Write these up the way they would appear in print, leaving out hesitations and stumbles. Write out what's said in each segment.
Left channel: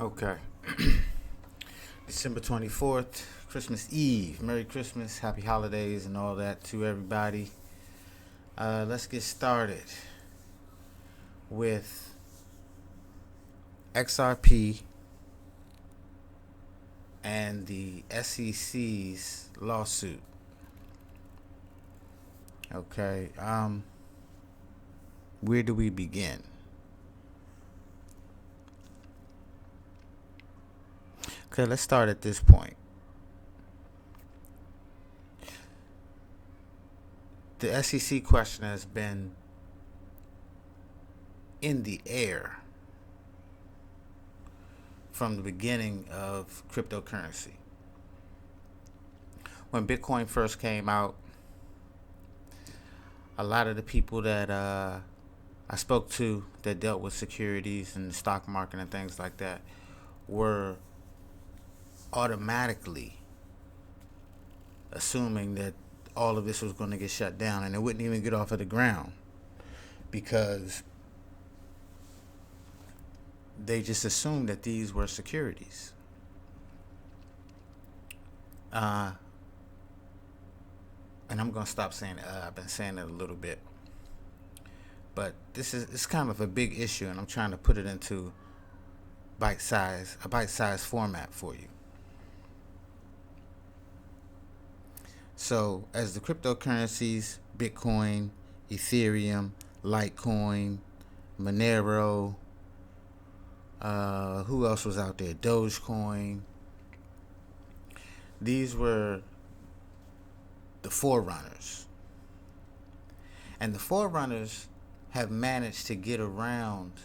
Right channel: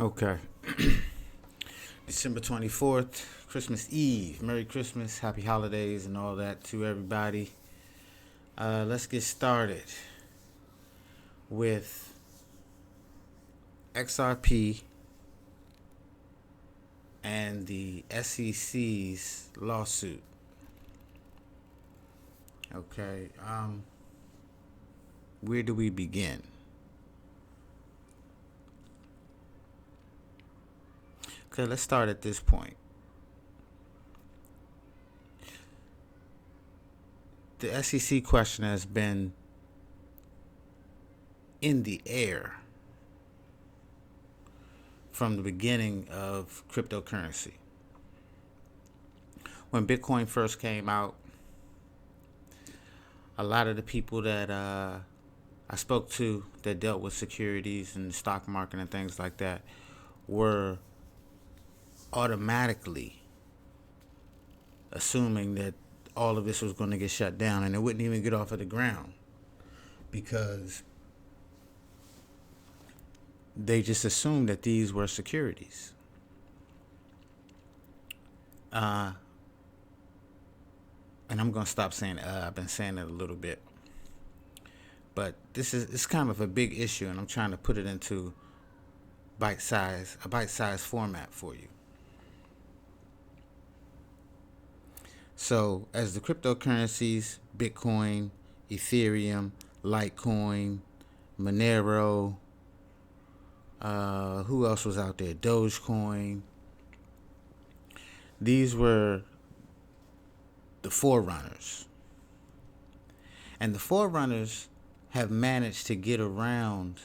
Okay. December 24th, Christmas Eve. Merry Christmas, happy holidays, and all that to everybody. Let's get started with XRP and the SEC's lawsuit. Okay. Where do we begin? Okay, let's start at this point. The SEC question has been in the air from the beginning of cryptocurrency. When Bitcoin first came out, a lot of the people that I spoke to that dealt with securities and the stock market and things like that were automatically assuming that all of this was going to get shut down and it wouldn't even get off of the ground because they just assumed that these were securities. And I'm going to stop saying I've been saying it a little bit. But it's kind of a big issue, and I'm trying to put it into a bite-sized format for you. So, as the cryptocurrencies, Bitcoin, Ethereum, Litecoin, Monero, who else was out there? Dogecoin. These were the forerunners. And the forerunners have managed to get around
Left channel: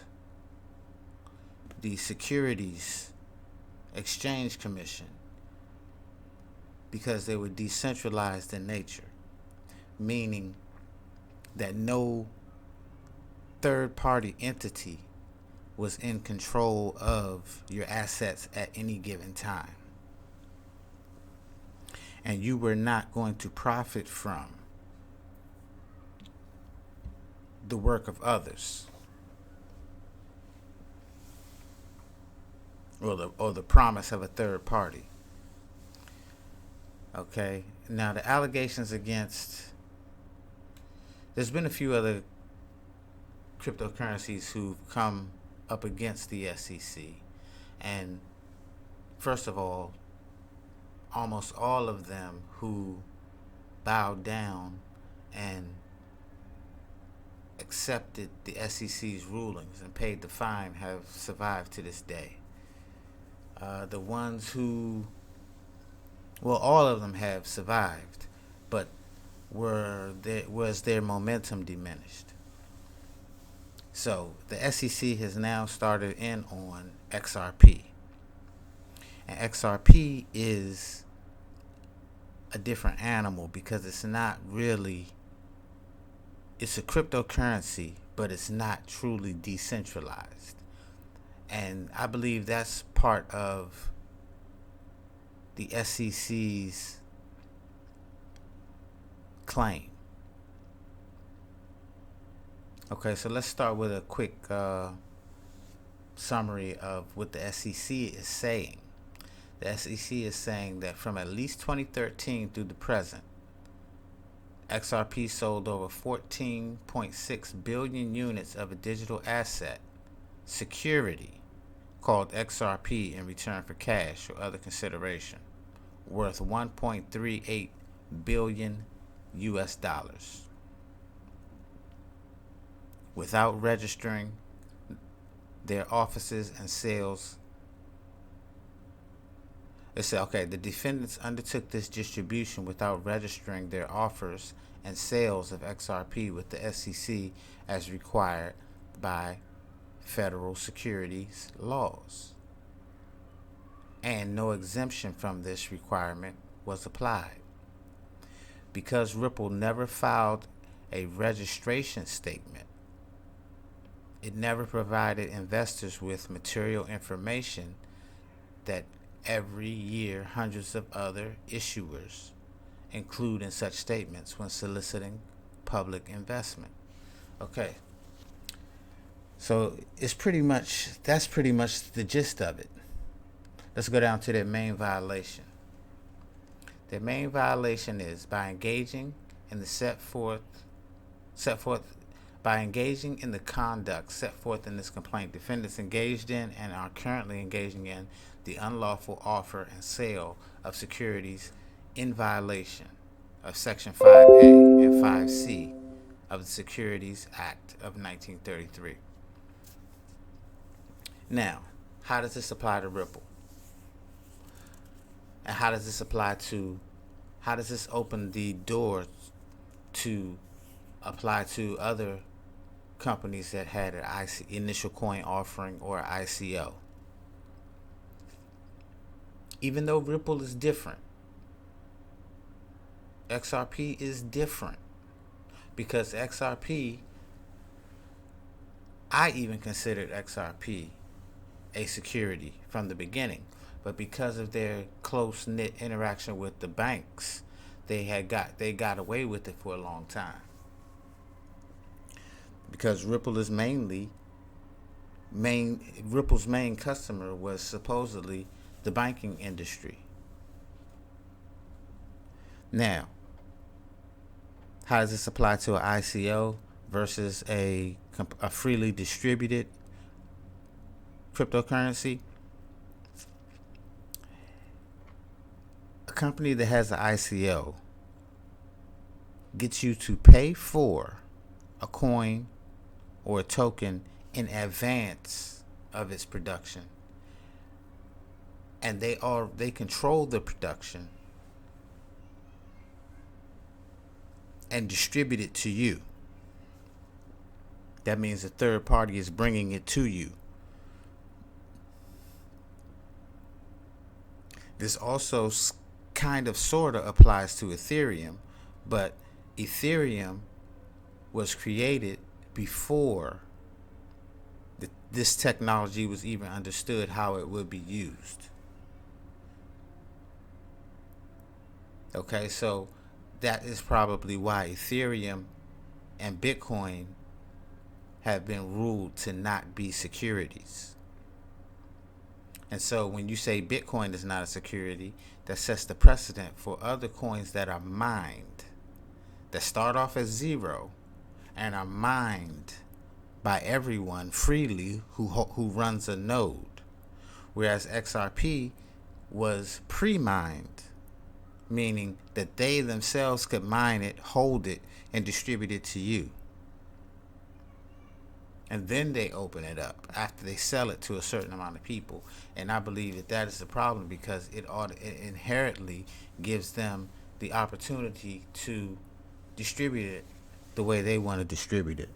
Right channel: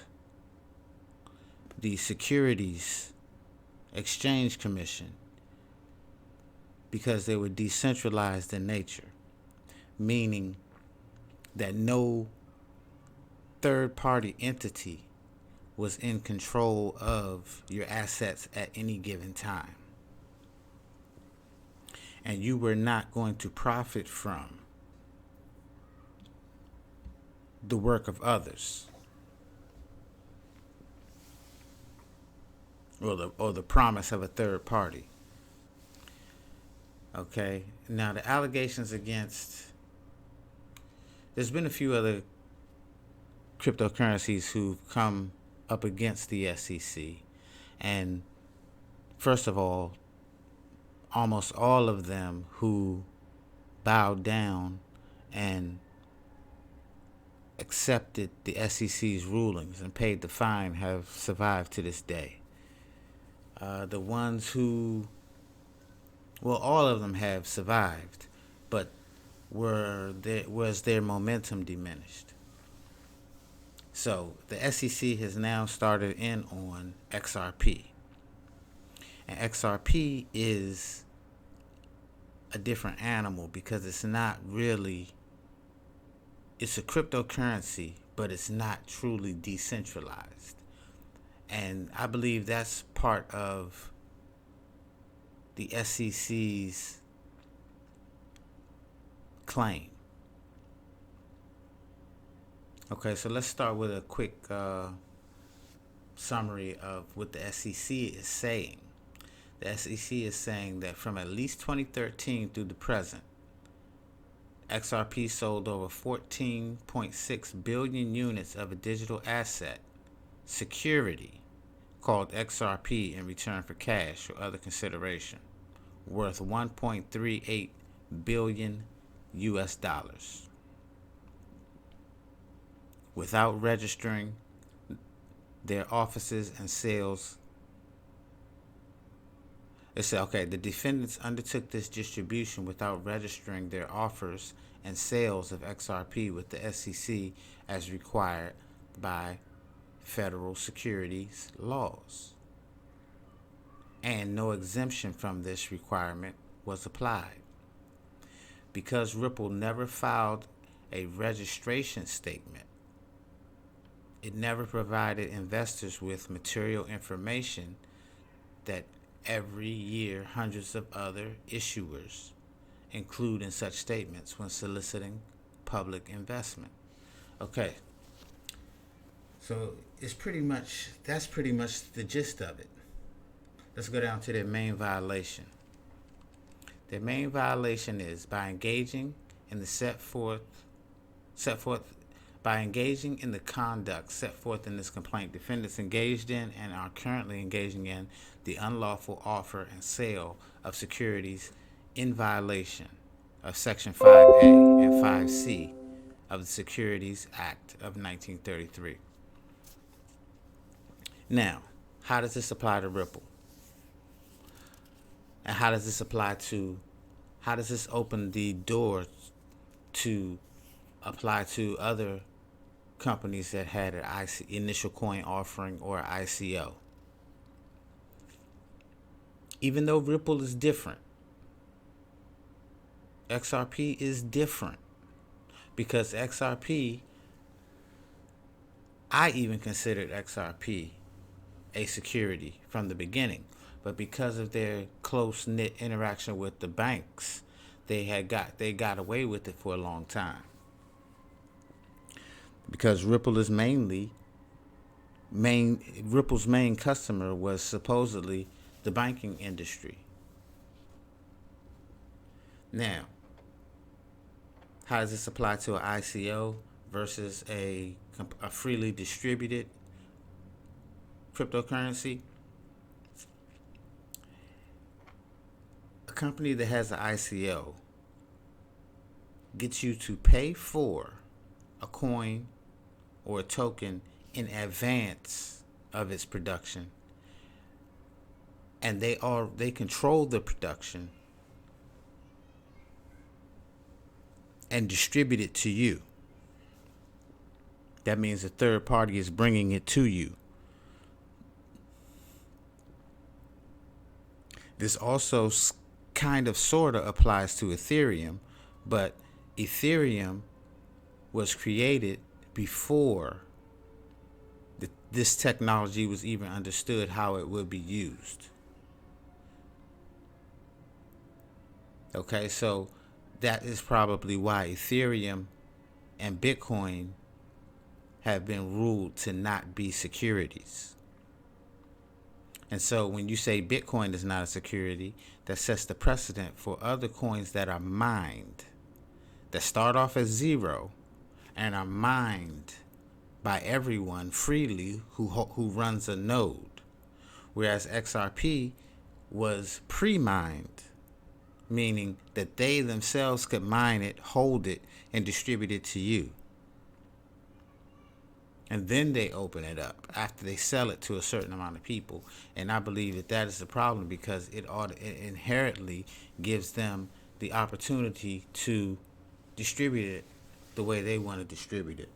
the Securities Exchange Commission because they were decentralized in nature, meaning that no third-party entity was in control of your assets at any given time. And you were not going to profit from the work of others or the promise of a third party. Okay, now the allegations against, there's been a few other cryptocurrencies who've come up against the SEC, and first of all, almost all of them who bowed down and accepted the SEC's rulings and paid the fine have survived to this day. The ones who, well, all of them have survived, but was their momentum diminished? So the SEC has now started in on XRP. And XRP is a different animal because it's not really, it's a cryptocurrency, but it's not truly decentralized. And I believe that's part of the SEC's claim. Okay, so let's start with a quick summary of what the SEC is saying. The SEC is saying that from at least 2013 through the present, XRP sold over 14.6 billion units of a digital asset security called XRP in return for cash or other consideration, worth 1.38 billion US dollars, without registering their offices and sales. It said, okay, the defendants undertook this distribution without registering their offers and sales of XRP with the SEC as required by federal securities laws. And no exemption from this requirement was applied. Because Ripple never filed a registration statement, it never provided investors with material information that every year hundreds of other issuers include in such statements when soliciting public investment. Okay, So that's pretty much the gist of it. let's go down to their main violation. Their main violation is by engaging in the set forth by engaging in the conduct set forth in this complaint. Defendants engaged in and are currently engaging in the unlawful offer and sale of securities in violation of Section 5A and 5C of the Securities Act of 1933. Now, how does this apply to Ripple? And how does this open the door to apply to other companies that had an initial coin offering or ICO? Even though Ripple is different, XRP is different, because XRP, I even considered XRP a security from the beginning, but because of their close-knit interaction with the banks, they got away with it for a long time. Because Ripple's main customer was supposedly the banking industry. Now, how does this apply to an ICO versus a freely distributed cryptocurrency? A company that has an ICO gets you to pay for a coin or a token in advance of its production, and they control the production and distribute it to you. That means a third party is bringing it to you. This also kind of sort of applies to Ethereum, but Ethereum was created before this technology was even understood how it would be used. Okay, so that is probably why Ethereum and Bitcoin have been ruled to not be securities. And so when you say Bitcoin is not a security, that sets the precedent for other coins that are mined, that start off as zero and are mined by everyone freely who runs a node. Whereas XRP was pre-mined, meaning that they themselves could mine it, hold it, and distribute it to you. And then they open it up after they sell it to a certain amount of people. And I believe that is the problem, because it inherently gives them the opportunity to distribute it the way they want to distribute it.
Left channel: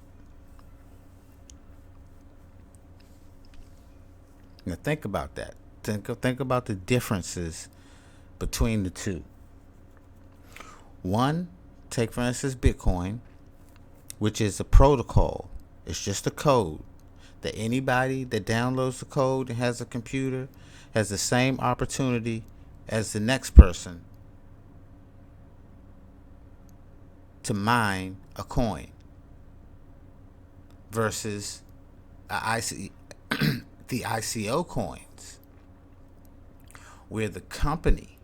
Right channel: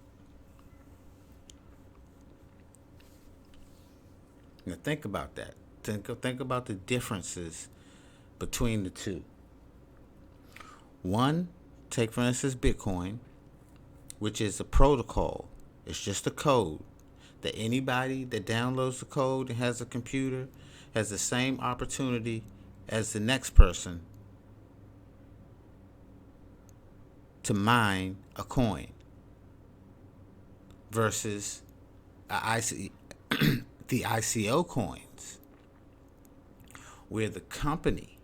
Now think about that. Think about the differences between the two. One, take for instance Bitcoin, which is a protocol. It's just a code that anybody that downloads the code and has a computer has the same opportunity as the next person to mine a coin, versus the ICO coins, where the company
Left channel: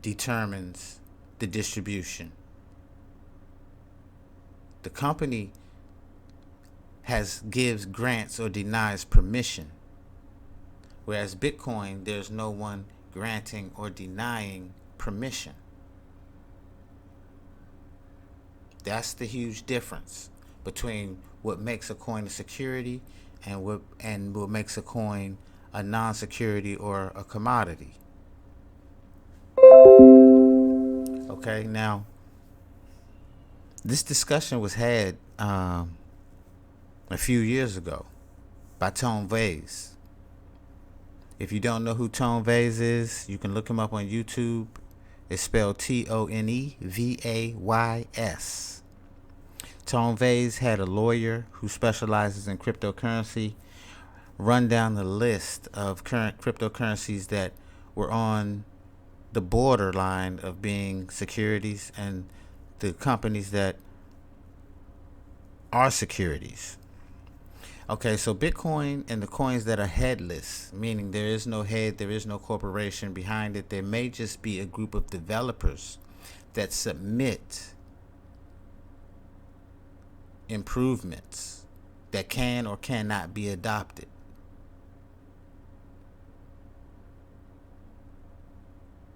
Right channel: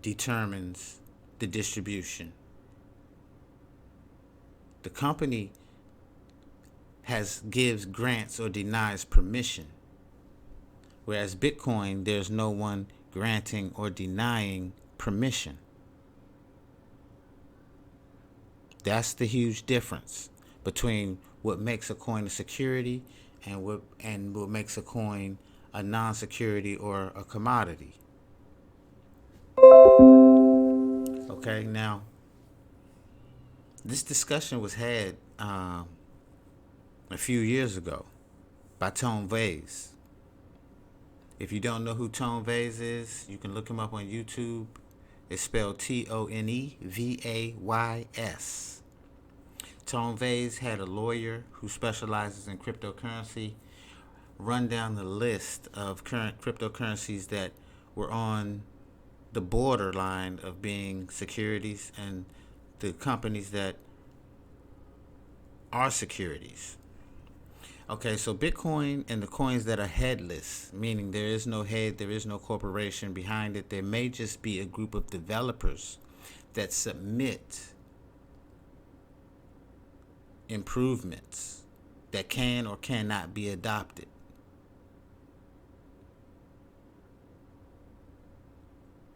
determines the distribution. The company gives grants or denies permission. Whereas Bitcoin, there's no one granting or denying permission. That's the huge difference between what makes a coin a security and what makes a coin a non-security or a commodity. Okay, now this discussion was had a few years ago by Tone Vays. If you don't know who Tone Vays is, you can look him up on YouTube. It's spelled Tonevays. Tone Vays had a lawyer who specializes in cryptocurrency run down the list of current cryptocurrencies that were on the borderline of being securities and the companies that are securities. Okay, so Bitcoin and the coins that are headless, meaning there is no head, there is no corporation behind it. There may just be a group of developers that submit improvements that can or cannot be adopted.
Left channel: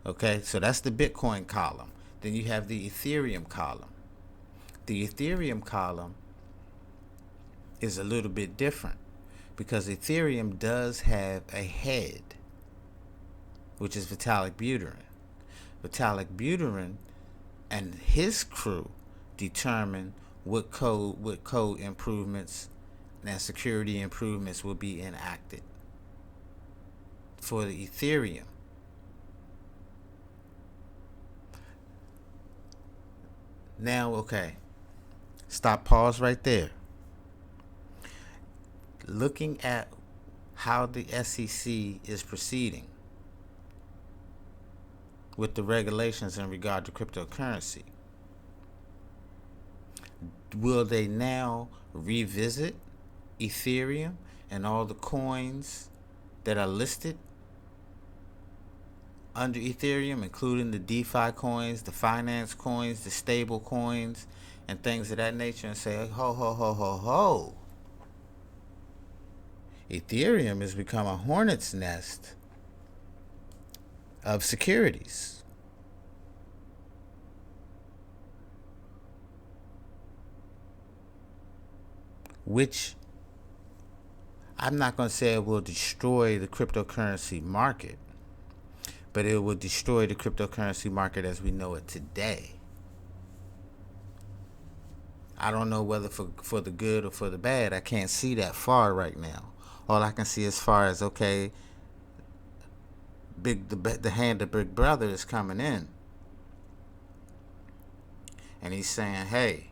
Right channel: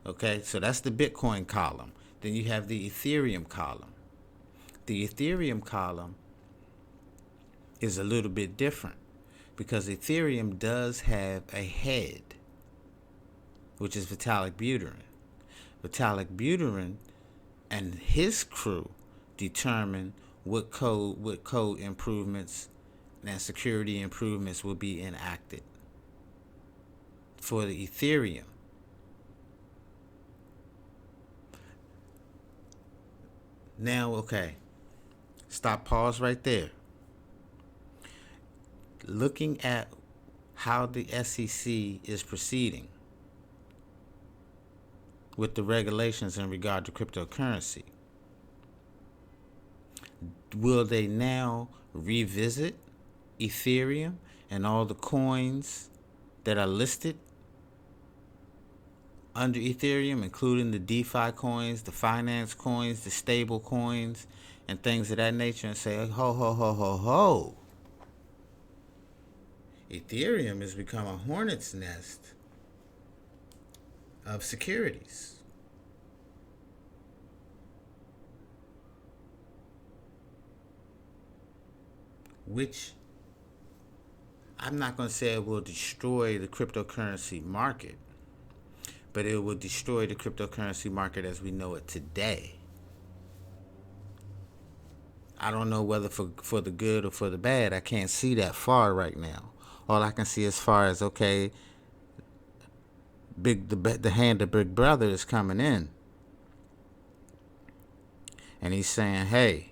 Okay, so that's the Bitcoin column. Then you have the Ethereum column. The Ethereum column is a little bit different because Ethereum does have a head, which is Vitalik Buterin. Vitalik Buterin and his crew determine what code improvements and security improvements will be enacted for the Ethereum. Now, okay, pause right there. Looking at how the SEC is proceeding with the regulations in regard to cryptocurrency, will they now revisit Ethereum and all the coins that are listed under Ethereum, including the DeFi coins, the finance coins, the stable coins, and things of that nature, and say, ho, ho, ho, ho, ho. Ethereum has become a hornet's nest of securities. Which I'm not going to say it will destroy the cryptocurrency market, but it will destroy the cryptocurrency market as we know it today. I don't know whether for the good or for the bad. I can't see that far right now. All I can see as far as, okay, the hand of Big Brother is coming in. And he's saying, hey,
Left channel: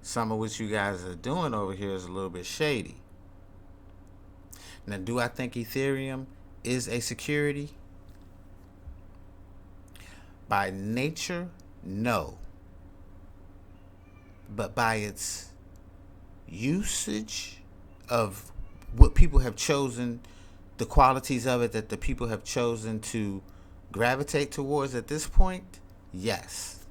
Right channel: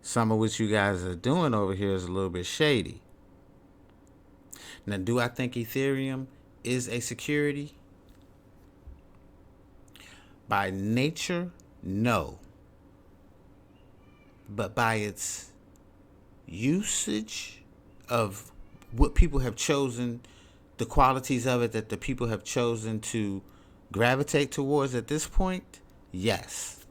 some of what you guys are doing over here is a little bit shady. Now, do I think Ethereum is a security? By nature, no. But by its usage of what people have chosen, the qualities of it that the people have chosen to gravitate towards at this point, yes.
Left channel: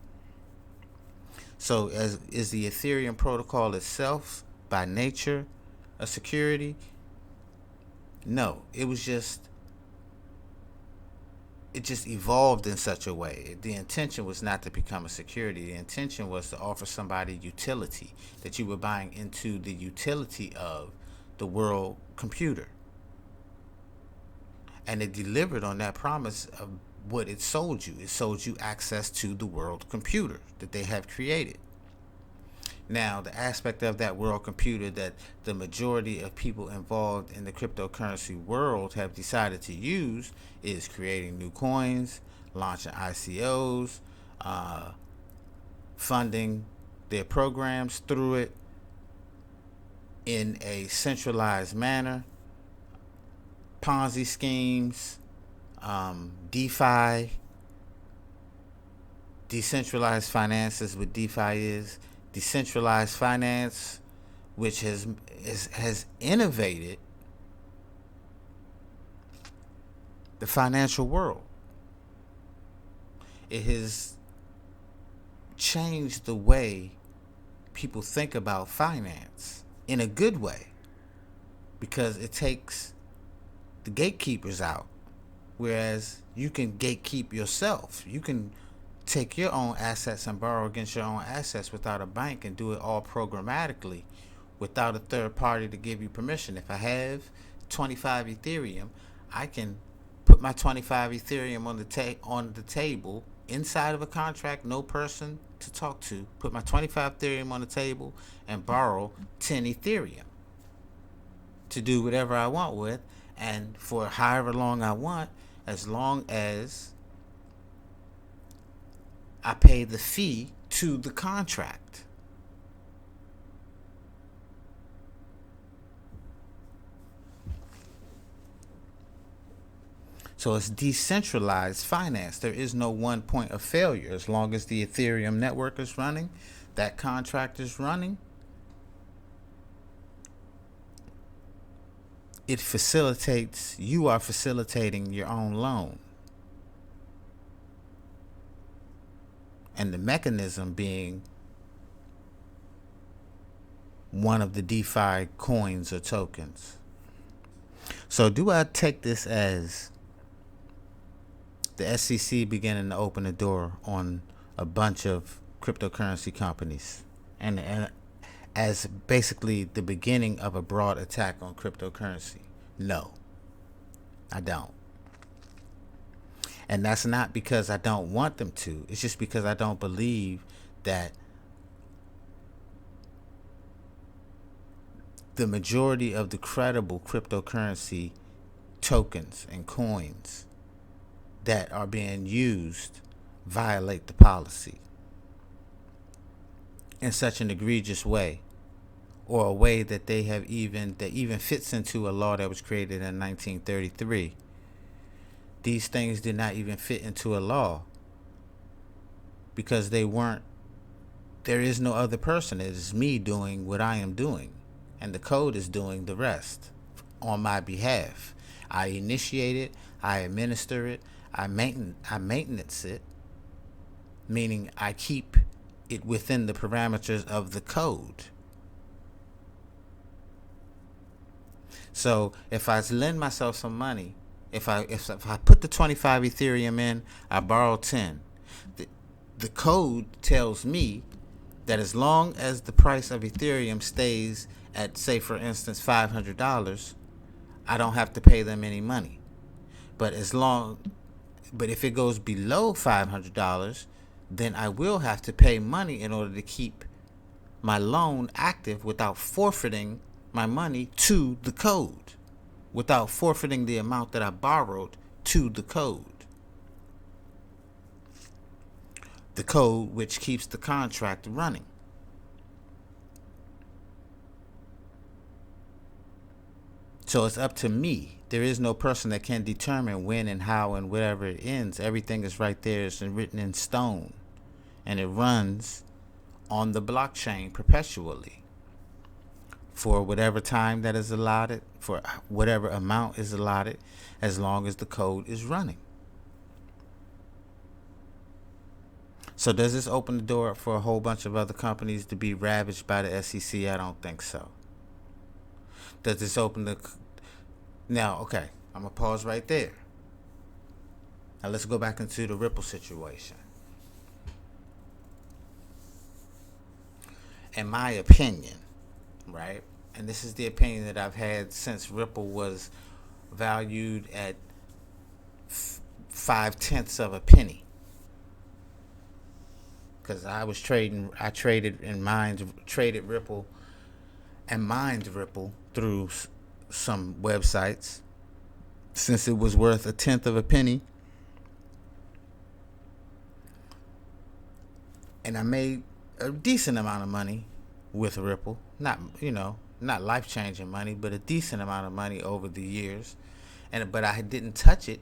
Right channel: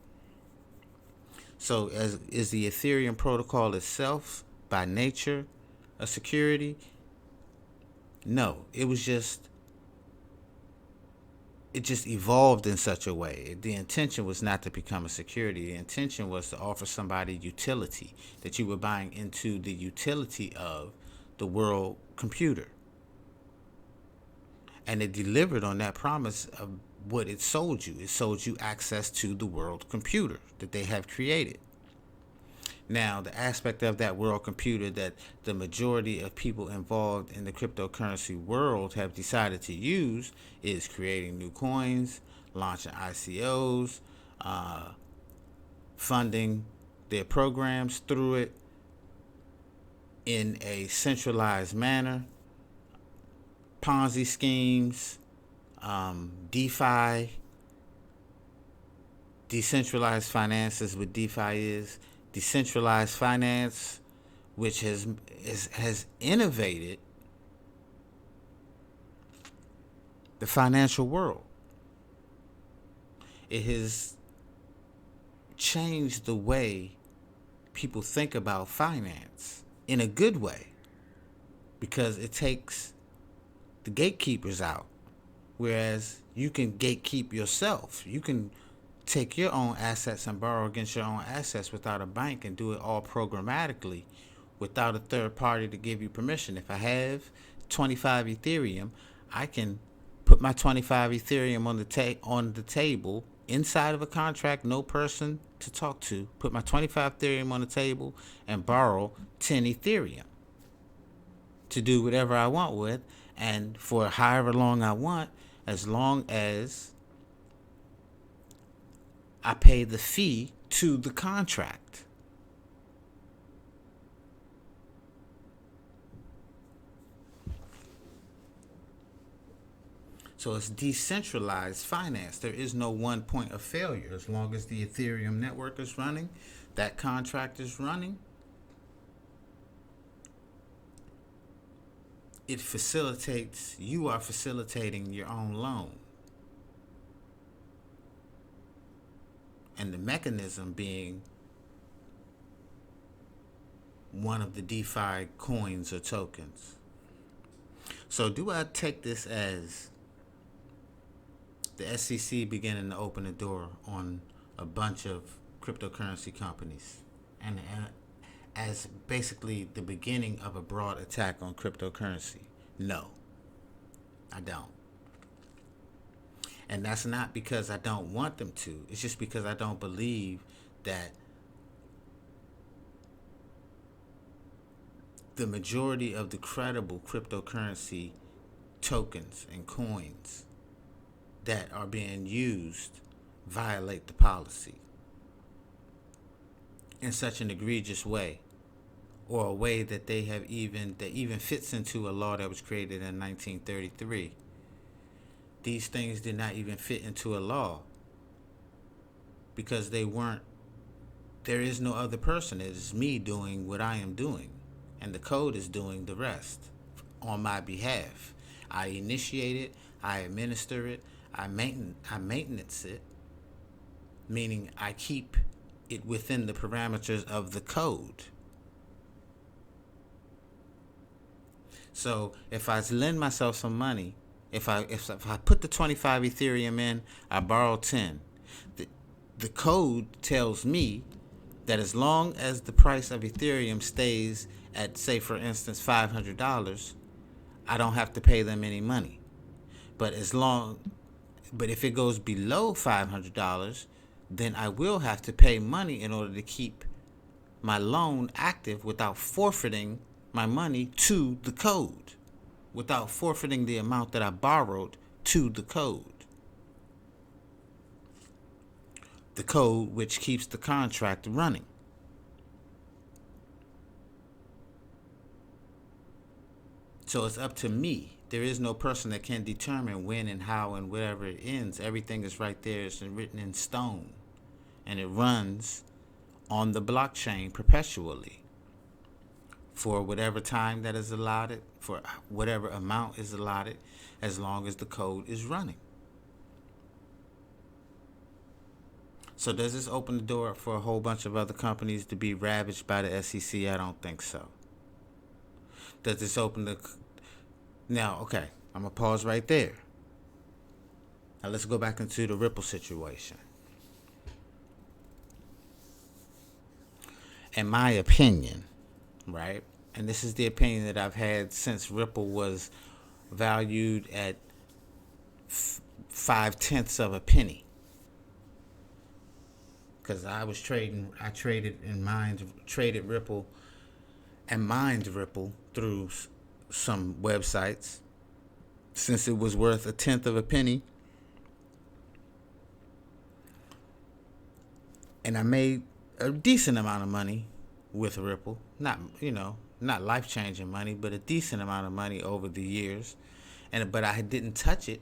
So is the Ethereum protocol itself by nature a security? No, it just evolved in such a way. The intention was not to become a security. The intention was to offer somebody utility, that you were buying into the utility of the world computer. And it delivered on that promise of what it sold you. It sold you access to the world computer that they have created. Now, the aspect of that world computer that the majority of people involved in the cryptocurrency world have decided to use is creating new coins, launching ICOs, funding their programs through it in a centralized manner, Ponzi schemes, DeFi, decentralized finances. What DeFi is decentralized finance, which has innovated the financial world. It has changed the way people think about finance in a good way, because it takes the gatekeepers out, whereas you can gatekeep yourself. You can take your own assets and borrow against your own assets without a bank and do it all programmatically without a third party to give you permission. If I have 25 Ethereum, I can put my 25 Ethereum on the table inside of a contract, no person to talk to, put my 25 Ethereum on the table and borrow 10 Ethereum to do whatever I want with, and for however long I want, as long as I pay the fee to the contract. So it's decentralized finance. There is no one point of failure. As long as the Ethereum network is running, that contract is running, you are facilitating your own loan. And the mechanism being one of the DeFi coins or tokens. So do I take this as the SEC beginning to open the door on a bunch of cryptocurrency companies and as basically the beginning of a broad attack on cryptocurrency? No, I don't. And that's not because I don't want them to. It's just because I don't believe that the majority of the credible cryptocurrency tokens and coins that are being used violate the policy in such an egregious way, or a way that that even fits into a law that was created in 1933. These things did not even fit into a law because there is no other person. It is me doing what I am doing, and the code is doing the rest on my behalf. I initiate it, I administer it, I maintenance it, meaning I keep it within the parameters of the code. So if I lend myself some money, if I put the 25 Ethereum in, I borrow 10. The code tells me that as long as the price of Ethereum stays at, say for instance, $500, I don't have to pay them any money. But if it goes below $500, then I will have to pay money in order to keep my loan active without forfeiting my money to the code, without forfeiting the amount that I borrowed to the code. The code which keeps the contract running. So it's up to me. There is no person that can determine when and how and wherever it ends. Everything is right there. It's written in stone. And it runs on the blockchain perpetually for whatever time that is allotted, for whatever amount is allotted, as long as the code is running. So does this open the door for a whole bunch of other companies to be ravaged by the SEC? I don't think so. Does this open the... Now, okay, I'm going to pause right there. Now let's go back into the Ripple situation. In my opinion, right, and this is the opinion that I've had since Ripple was valued at 0.5 of a penny. Because I traded Ripple and mined Ripple through some websites since it was worth 1/10 of a penny. And I made a decent amount of money with Ripple. Not life-changing money, but a decent amount of money over the years. But I didn't touch it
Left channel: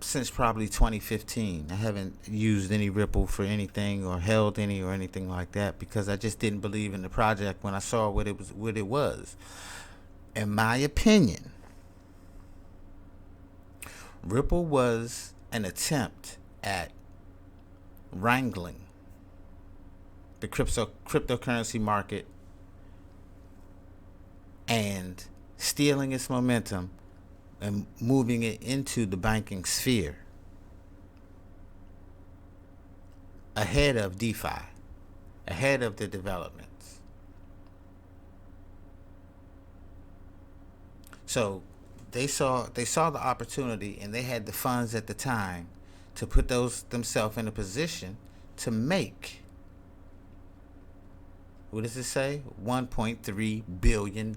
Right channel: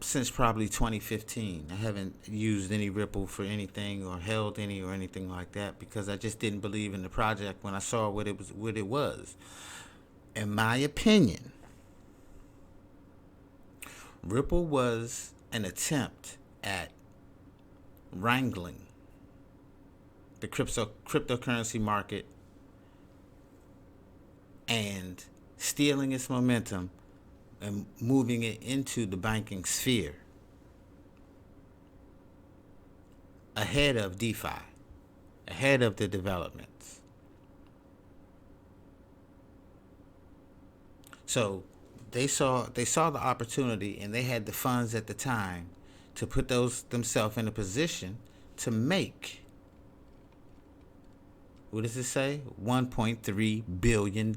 since probably 2015. I haven't used any Ripple for anything or held any or anything like that because I just didn't believe in the project when I saw what it was. In my opinion, Ripple was an attempt at wrangling the cryptocurrency market and stealing its momentum and moving it into the banking sphere ahead of DeFi, ahead of the developments. So they saw the opportunity, and they had the funds at the time to put themselves in a position to make, what does it say? $1.3 billion.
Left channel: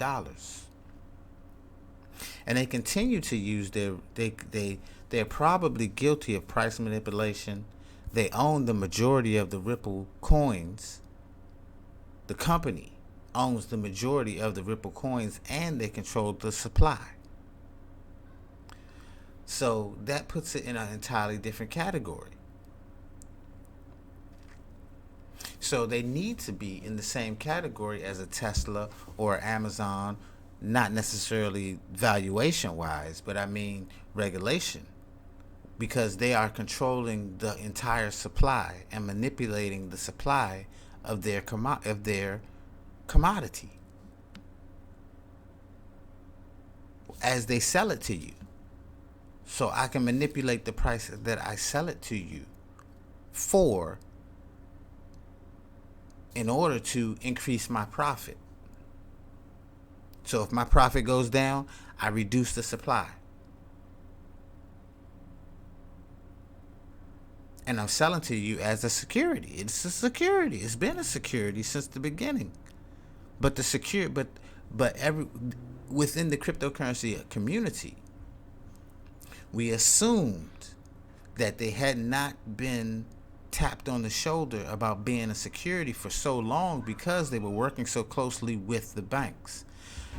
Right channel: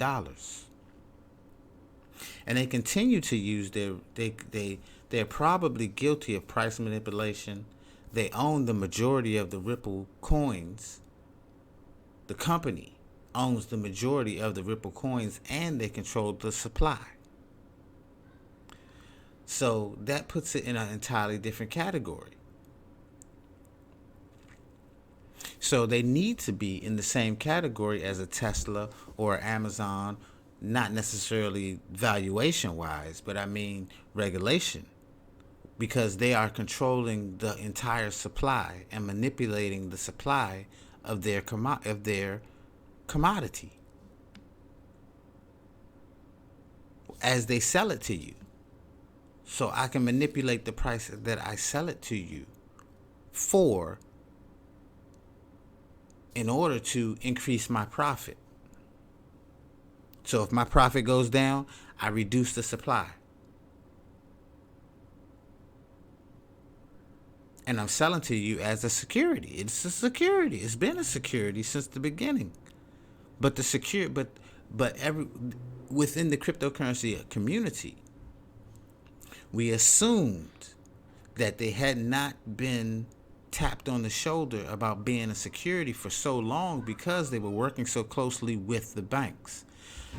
And they continue to use they're probably guilty of price manipulation. They own the majority of the Ripple coins. The company owns the majority of the Ripple coins, and they control the supply. So that puts it in an entirely different category. So they need to be in the same category as a Tesla or Amazon, not necessarily valuation wise, but I mean regulation, because they are controlling the entire supply and manipulating the supply of their commodity as they sell it to you. So I can manipulate the price that I sell it to you for in order to increase my profit. So if my profit goes down, I reduce the supply. And I'm selling to you as a security. It's a security. It's been a security since the beginning. But within the cryptocurrency community, we assumed that they had not been tapped on the shoulder about being a security for so long because they were working so closely with the banks.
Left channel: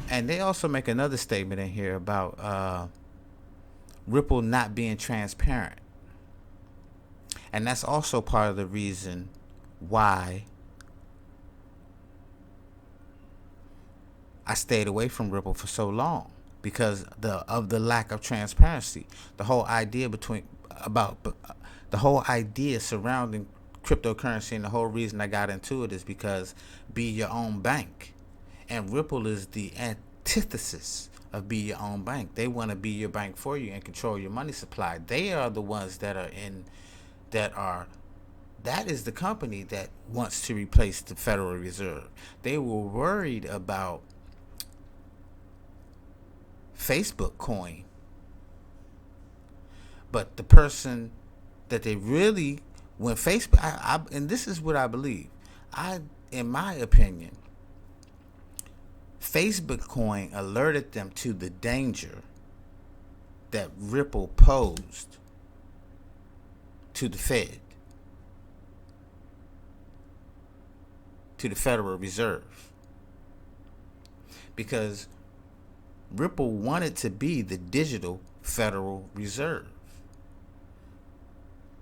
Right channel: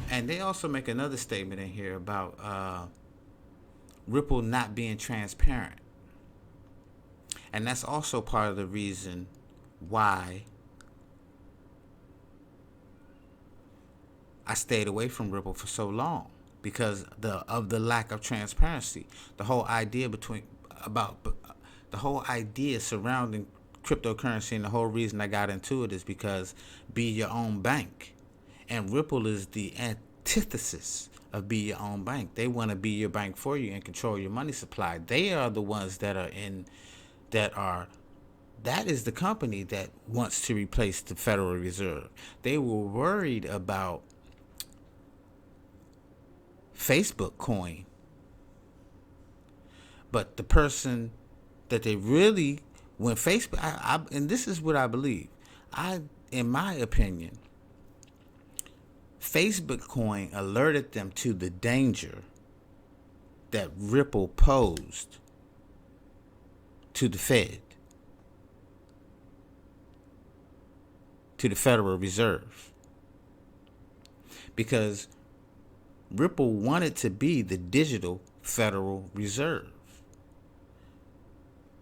And they also make another statement in here about Ripple not being transparent. And that's also part of the reason why I stayed away from Ripple for so long, because of the lack of transparency. The whole idea surrounding cryptocurrency, and the whole reason I got into it is because be your own bank. And Ripple is the antithesis of be your own bank. They want to be your bank for you and control your money supply. They are the ones that is the company that wants to replace the Federal Reserve. They were worried about Facebook coin. But the person that they really, when Facebook, and this is what I believe, in my opinion, Facebook coin alerted them to the danger that Ripple posed to the Fed, to the Federal Reserve, because Ripple wanted to be the digital Federal Reserve,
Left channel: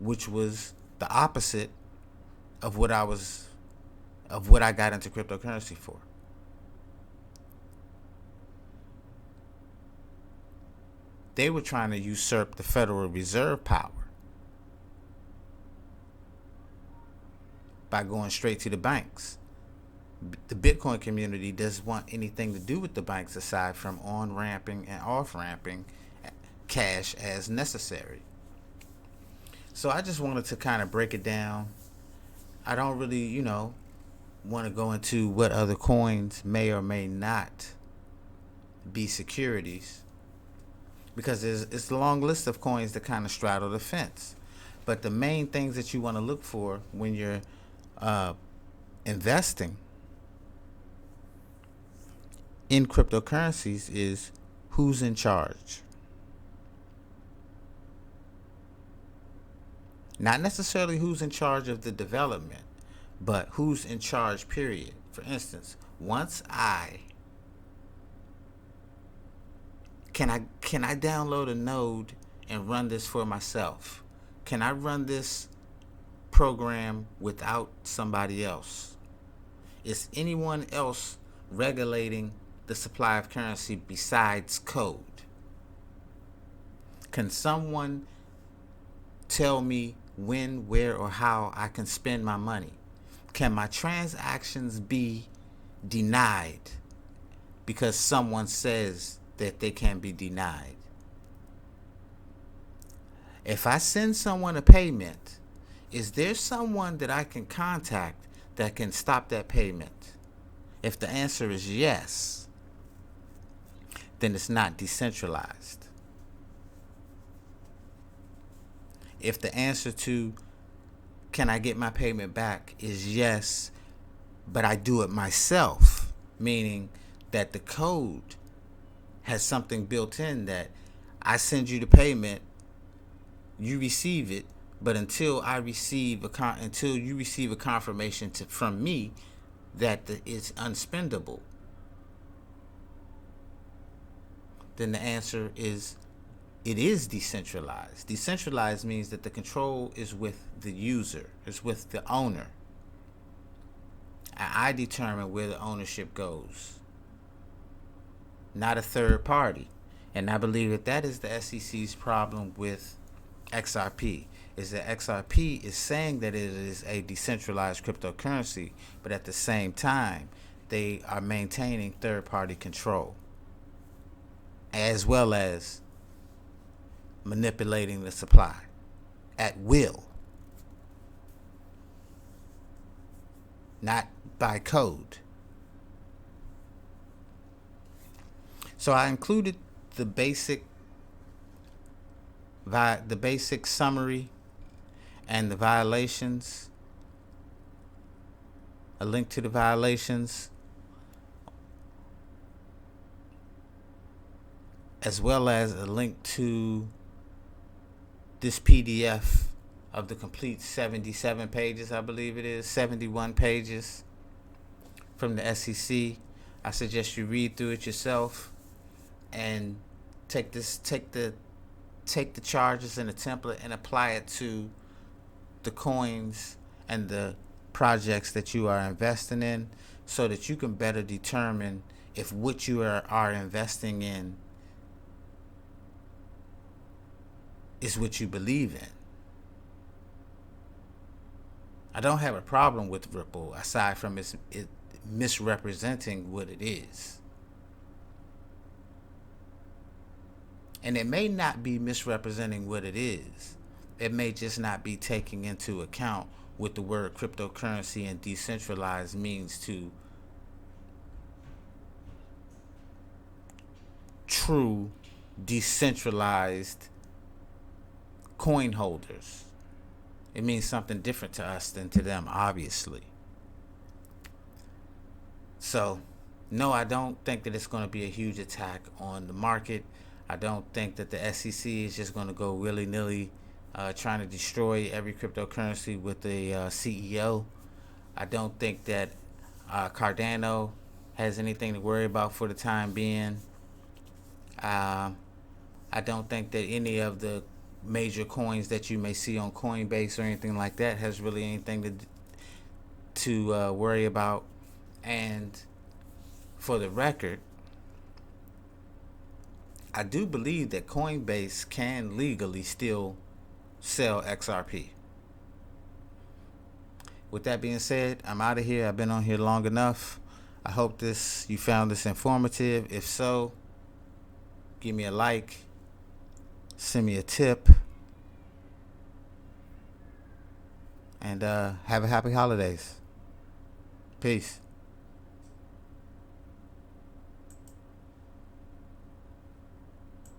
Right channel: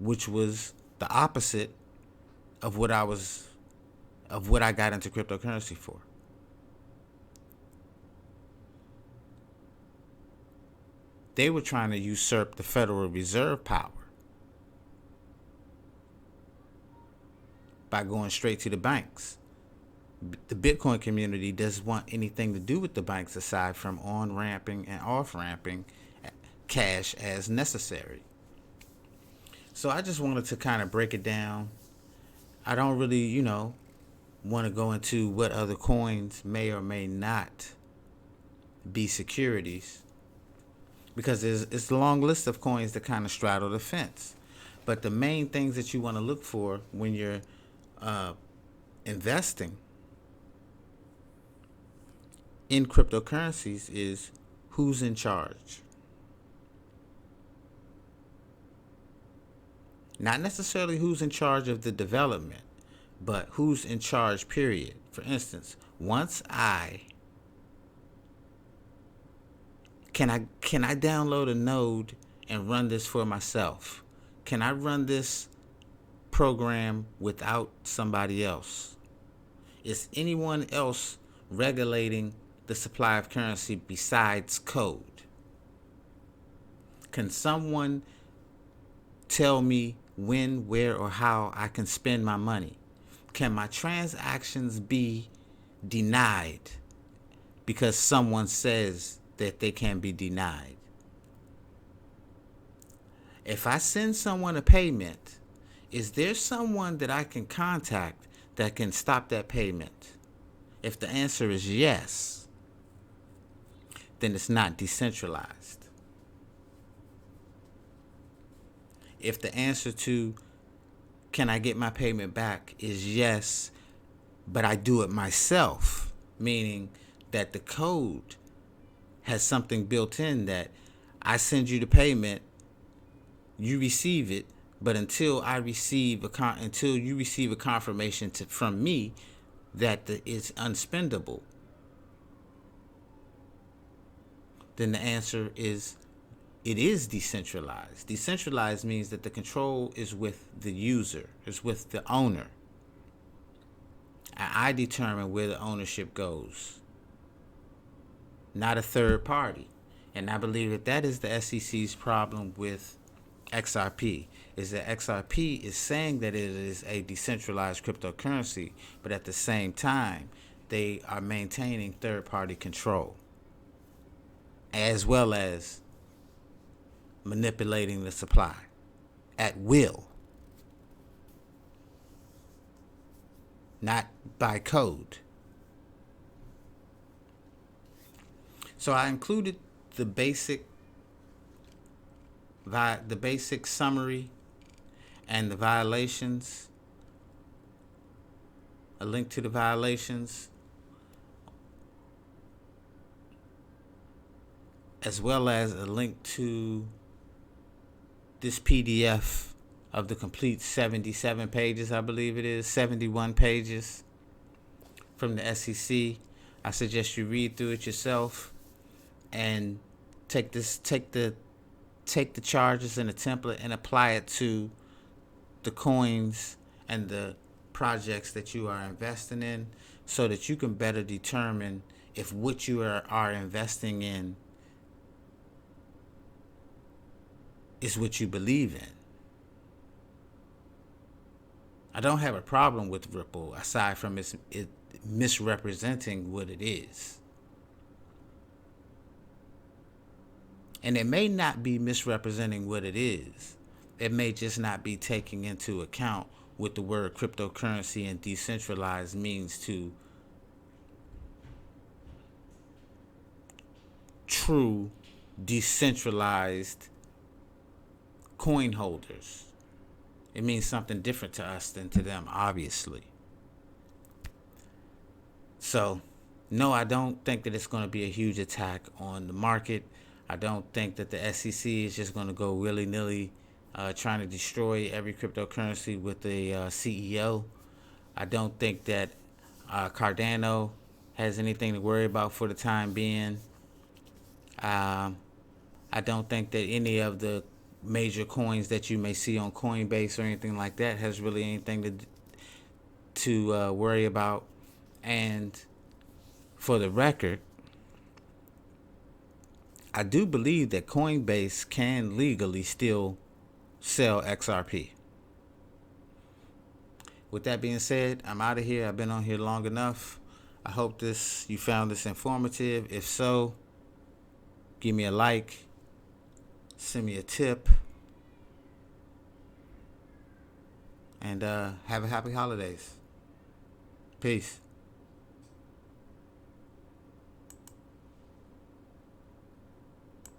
which was the opposite of what I got into cryptocurrency for. They were trying to usurp the Federal Reserve power by going straight to the banks. The Bitcoin community doesn't want anything to do with the banks aside from on-ramping and off-ramping cash as necessary. So I just wanted to kind of break it down. I don't really, want to go into what other coins may or may not be securities, because it's a long list of coins that kind of straddle the fence. But the main things that you want to look for when you're investing in cryptocurrencies is who's in charge. Not necessarily who's in charge of the development, but who's in charge, period. For instance, can I download a node and run this for myself? Can I run this program without somebody else? Is anyone else regulating the supply of currency besides code? Can someone tell me when, where, or how I can spend my money? Can my transactions be denied because someone says that they can be denied? If I send someone a payment, is there someone that I can contact that can stop that payment? If the answer is yes, then it's not decentralized. If the answer to can I get my payment back is yes, but I do it myself, meaning that the code has something built in that I send you the payment, you receive it, but until you receive a confirmation from me that it's unspendable, then the answer is it is decentralized. Decentralized means that the control is with the user, is with the owner. And I determine where the ownership goes, not a third party. And I believe that that is the SEC's problem with XRP, is that XRP is saying that it is a decentralized cryptocurrency, but at the same time, they are maintaining third-party control, as well as manipulating the supply at will, not by code. So I included the basic summary and the violations, a link to the violations, as well as a link to this PDF of the complete 77 pages, I believe it is, 71 pages from the SEC. I suggest you read through it yourself and take the charges in the template and apply it to the coins and the projects that you are investing in, so that you can better determine if what you are investing in is what you believe in. I don't have a problem with Ripple aside from it misrepresenting what it is. And it may not be misrepresenting what it is. It may just not be taking into account what the word cryptocurrency and decentralized means to true decentralized coin holders. It means something different to us than to them, obviously. So, no, I don't think that it's going to be a huge attack on the market. I don't think that the SEC is just going to go willy-nilly trying to destroy every cryptocurrency with a CEO. I don't think that Cardano has anything to worry about for the time being. I don't think that any of the major coins that you may see on Coinbase or anything like that has really anything to worry about. And for the record, I do believe that Coinbase can legally still sell XRP. With that being said, I'm out of here. I've been on here long enough. I hope you found this informative. If so, give me a like, send me a tip, and have a happy holidays. Peace.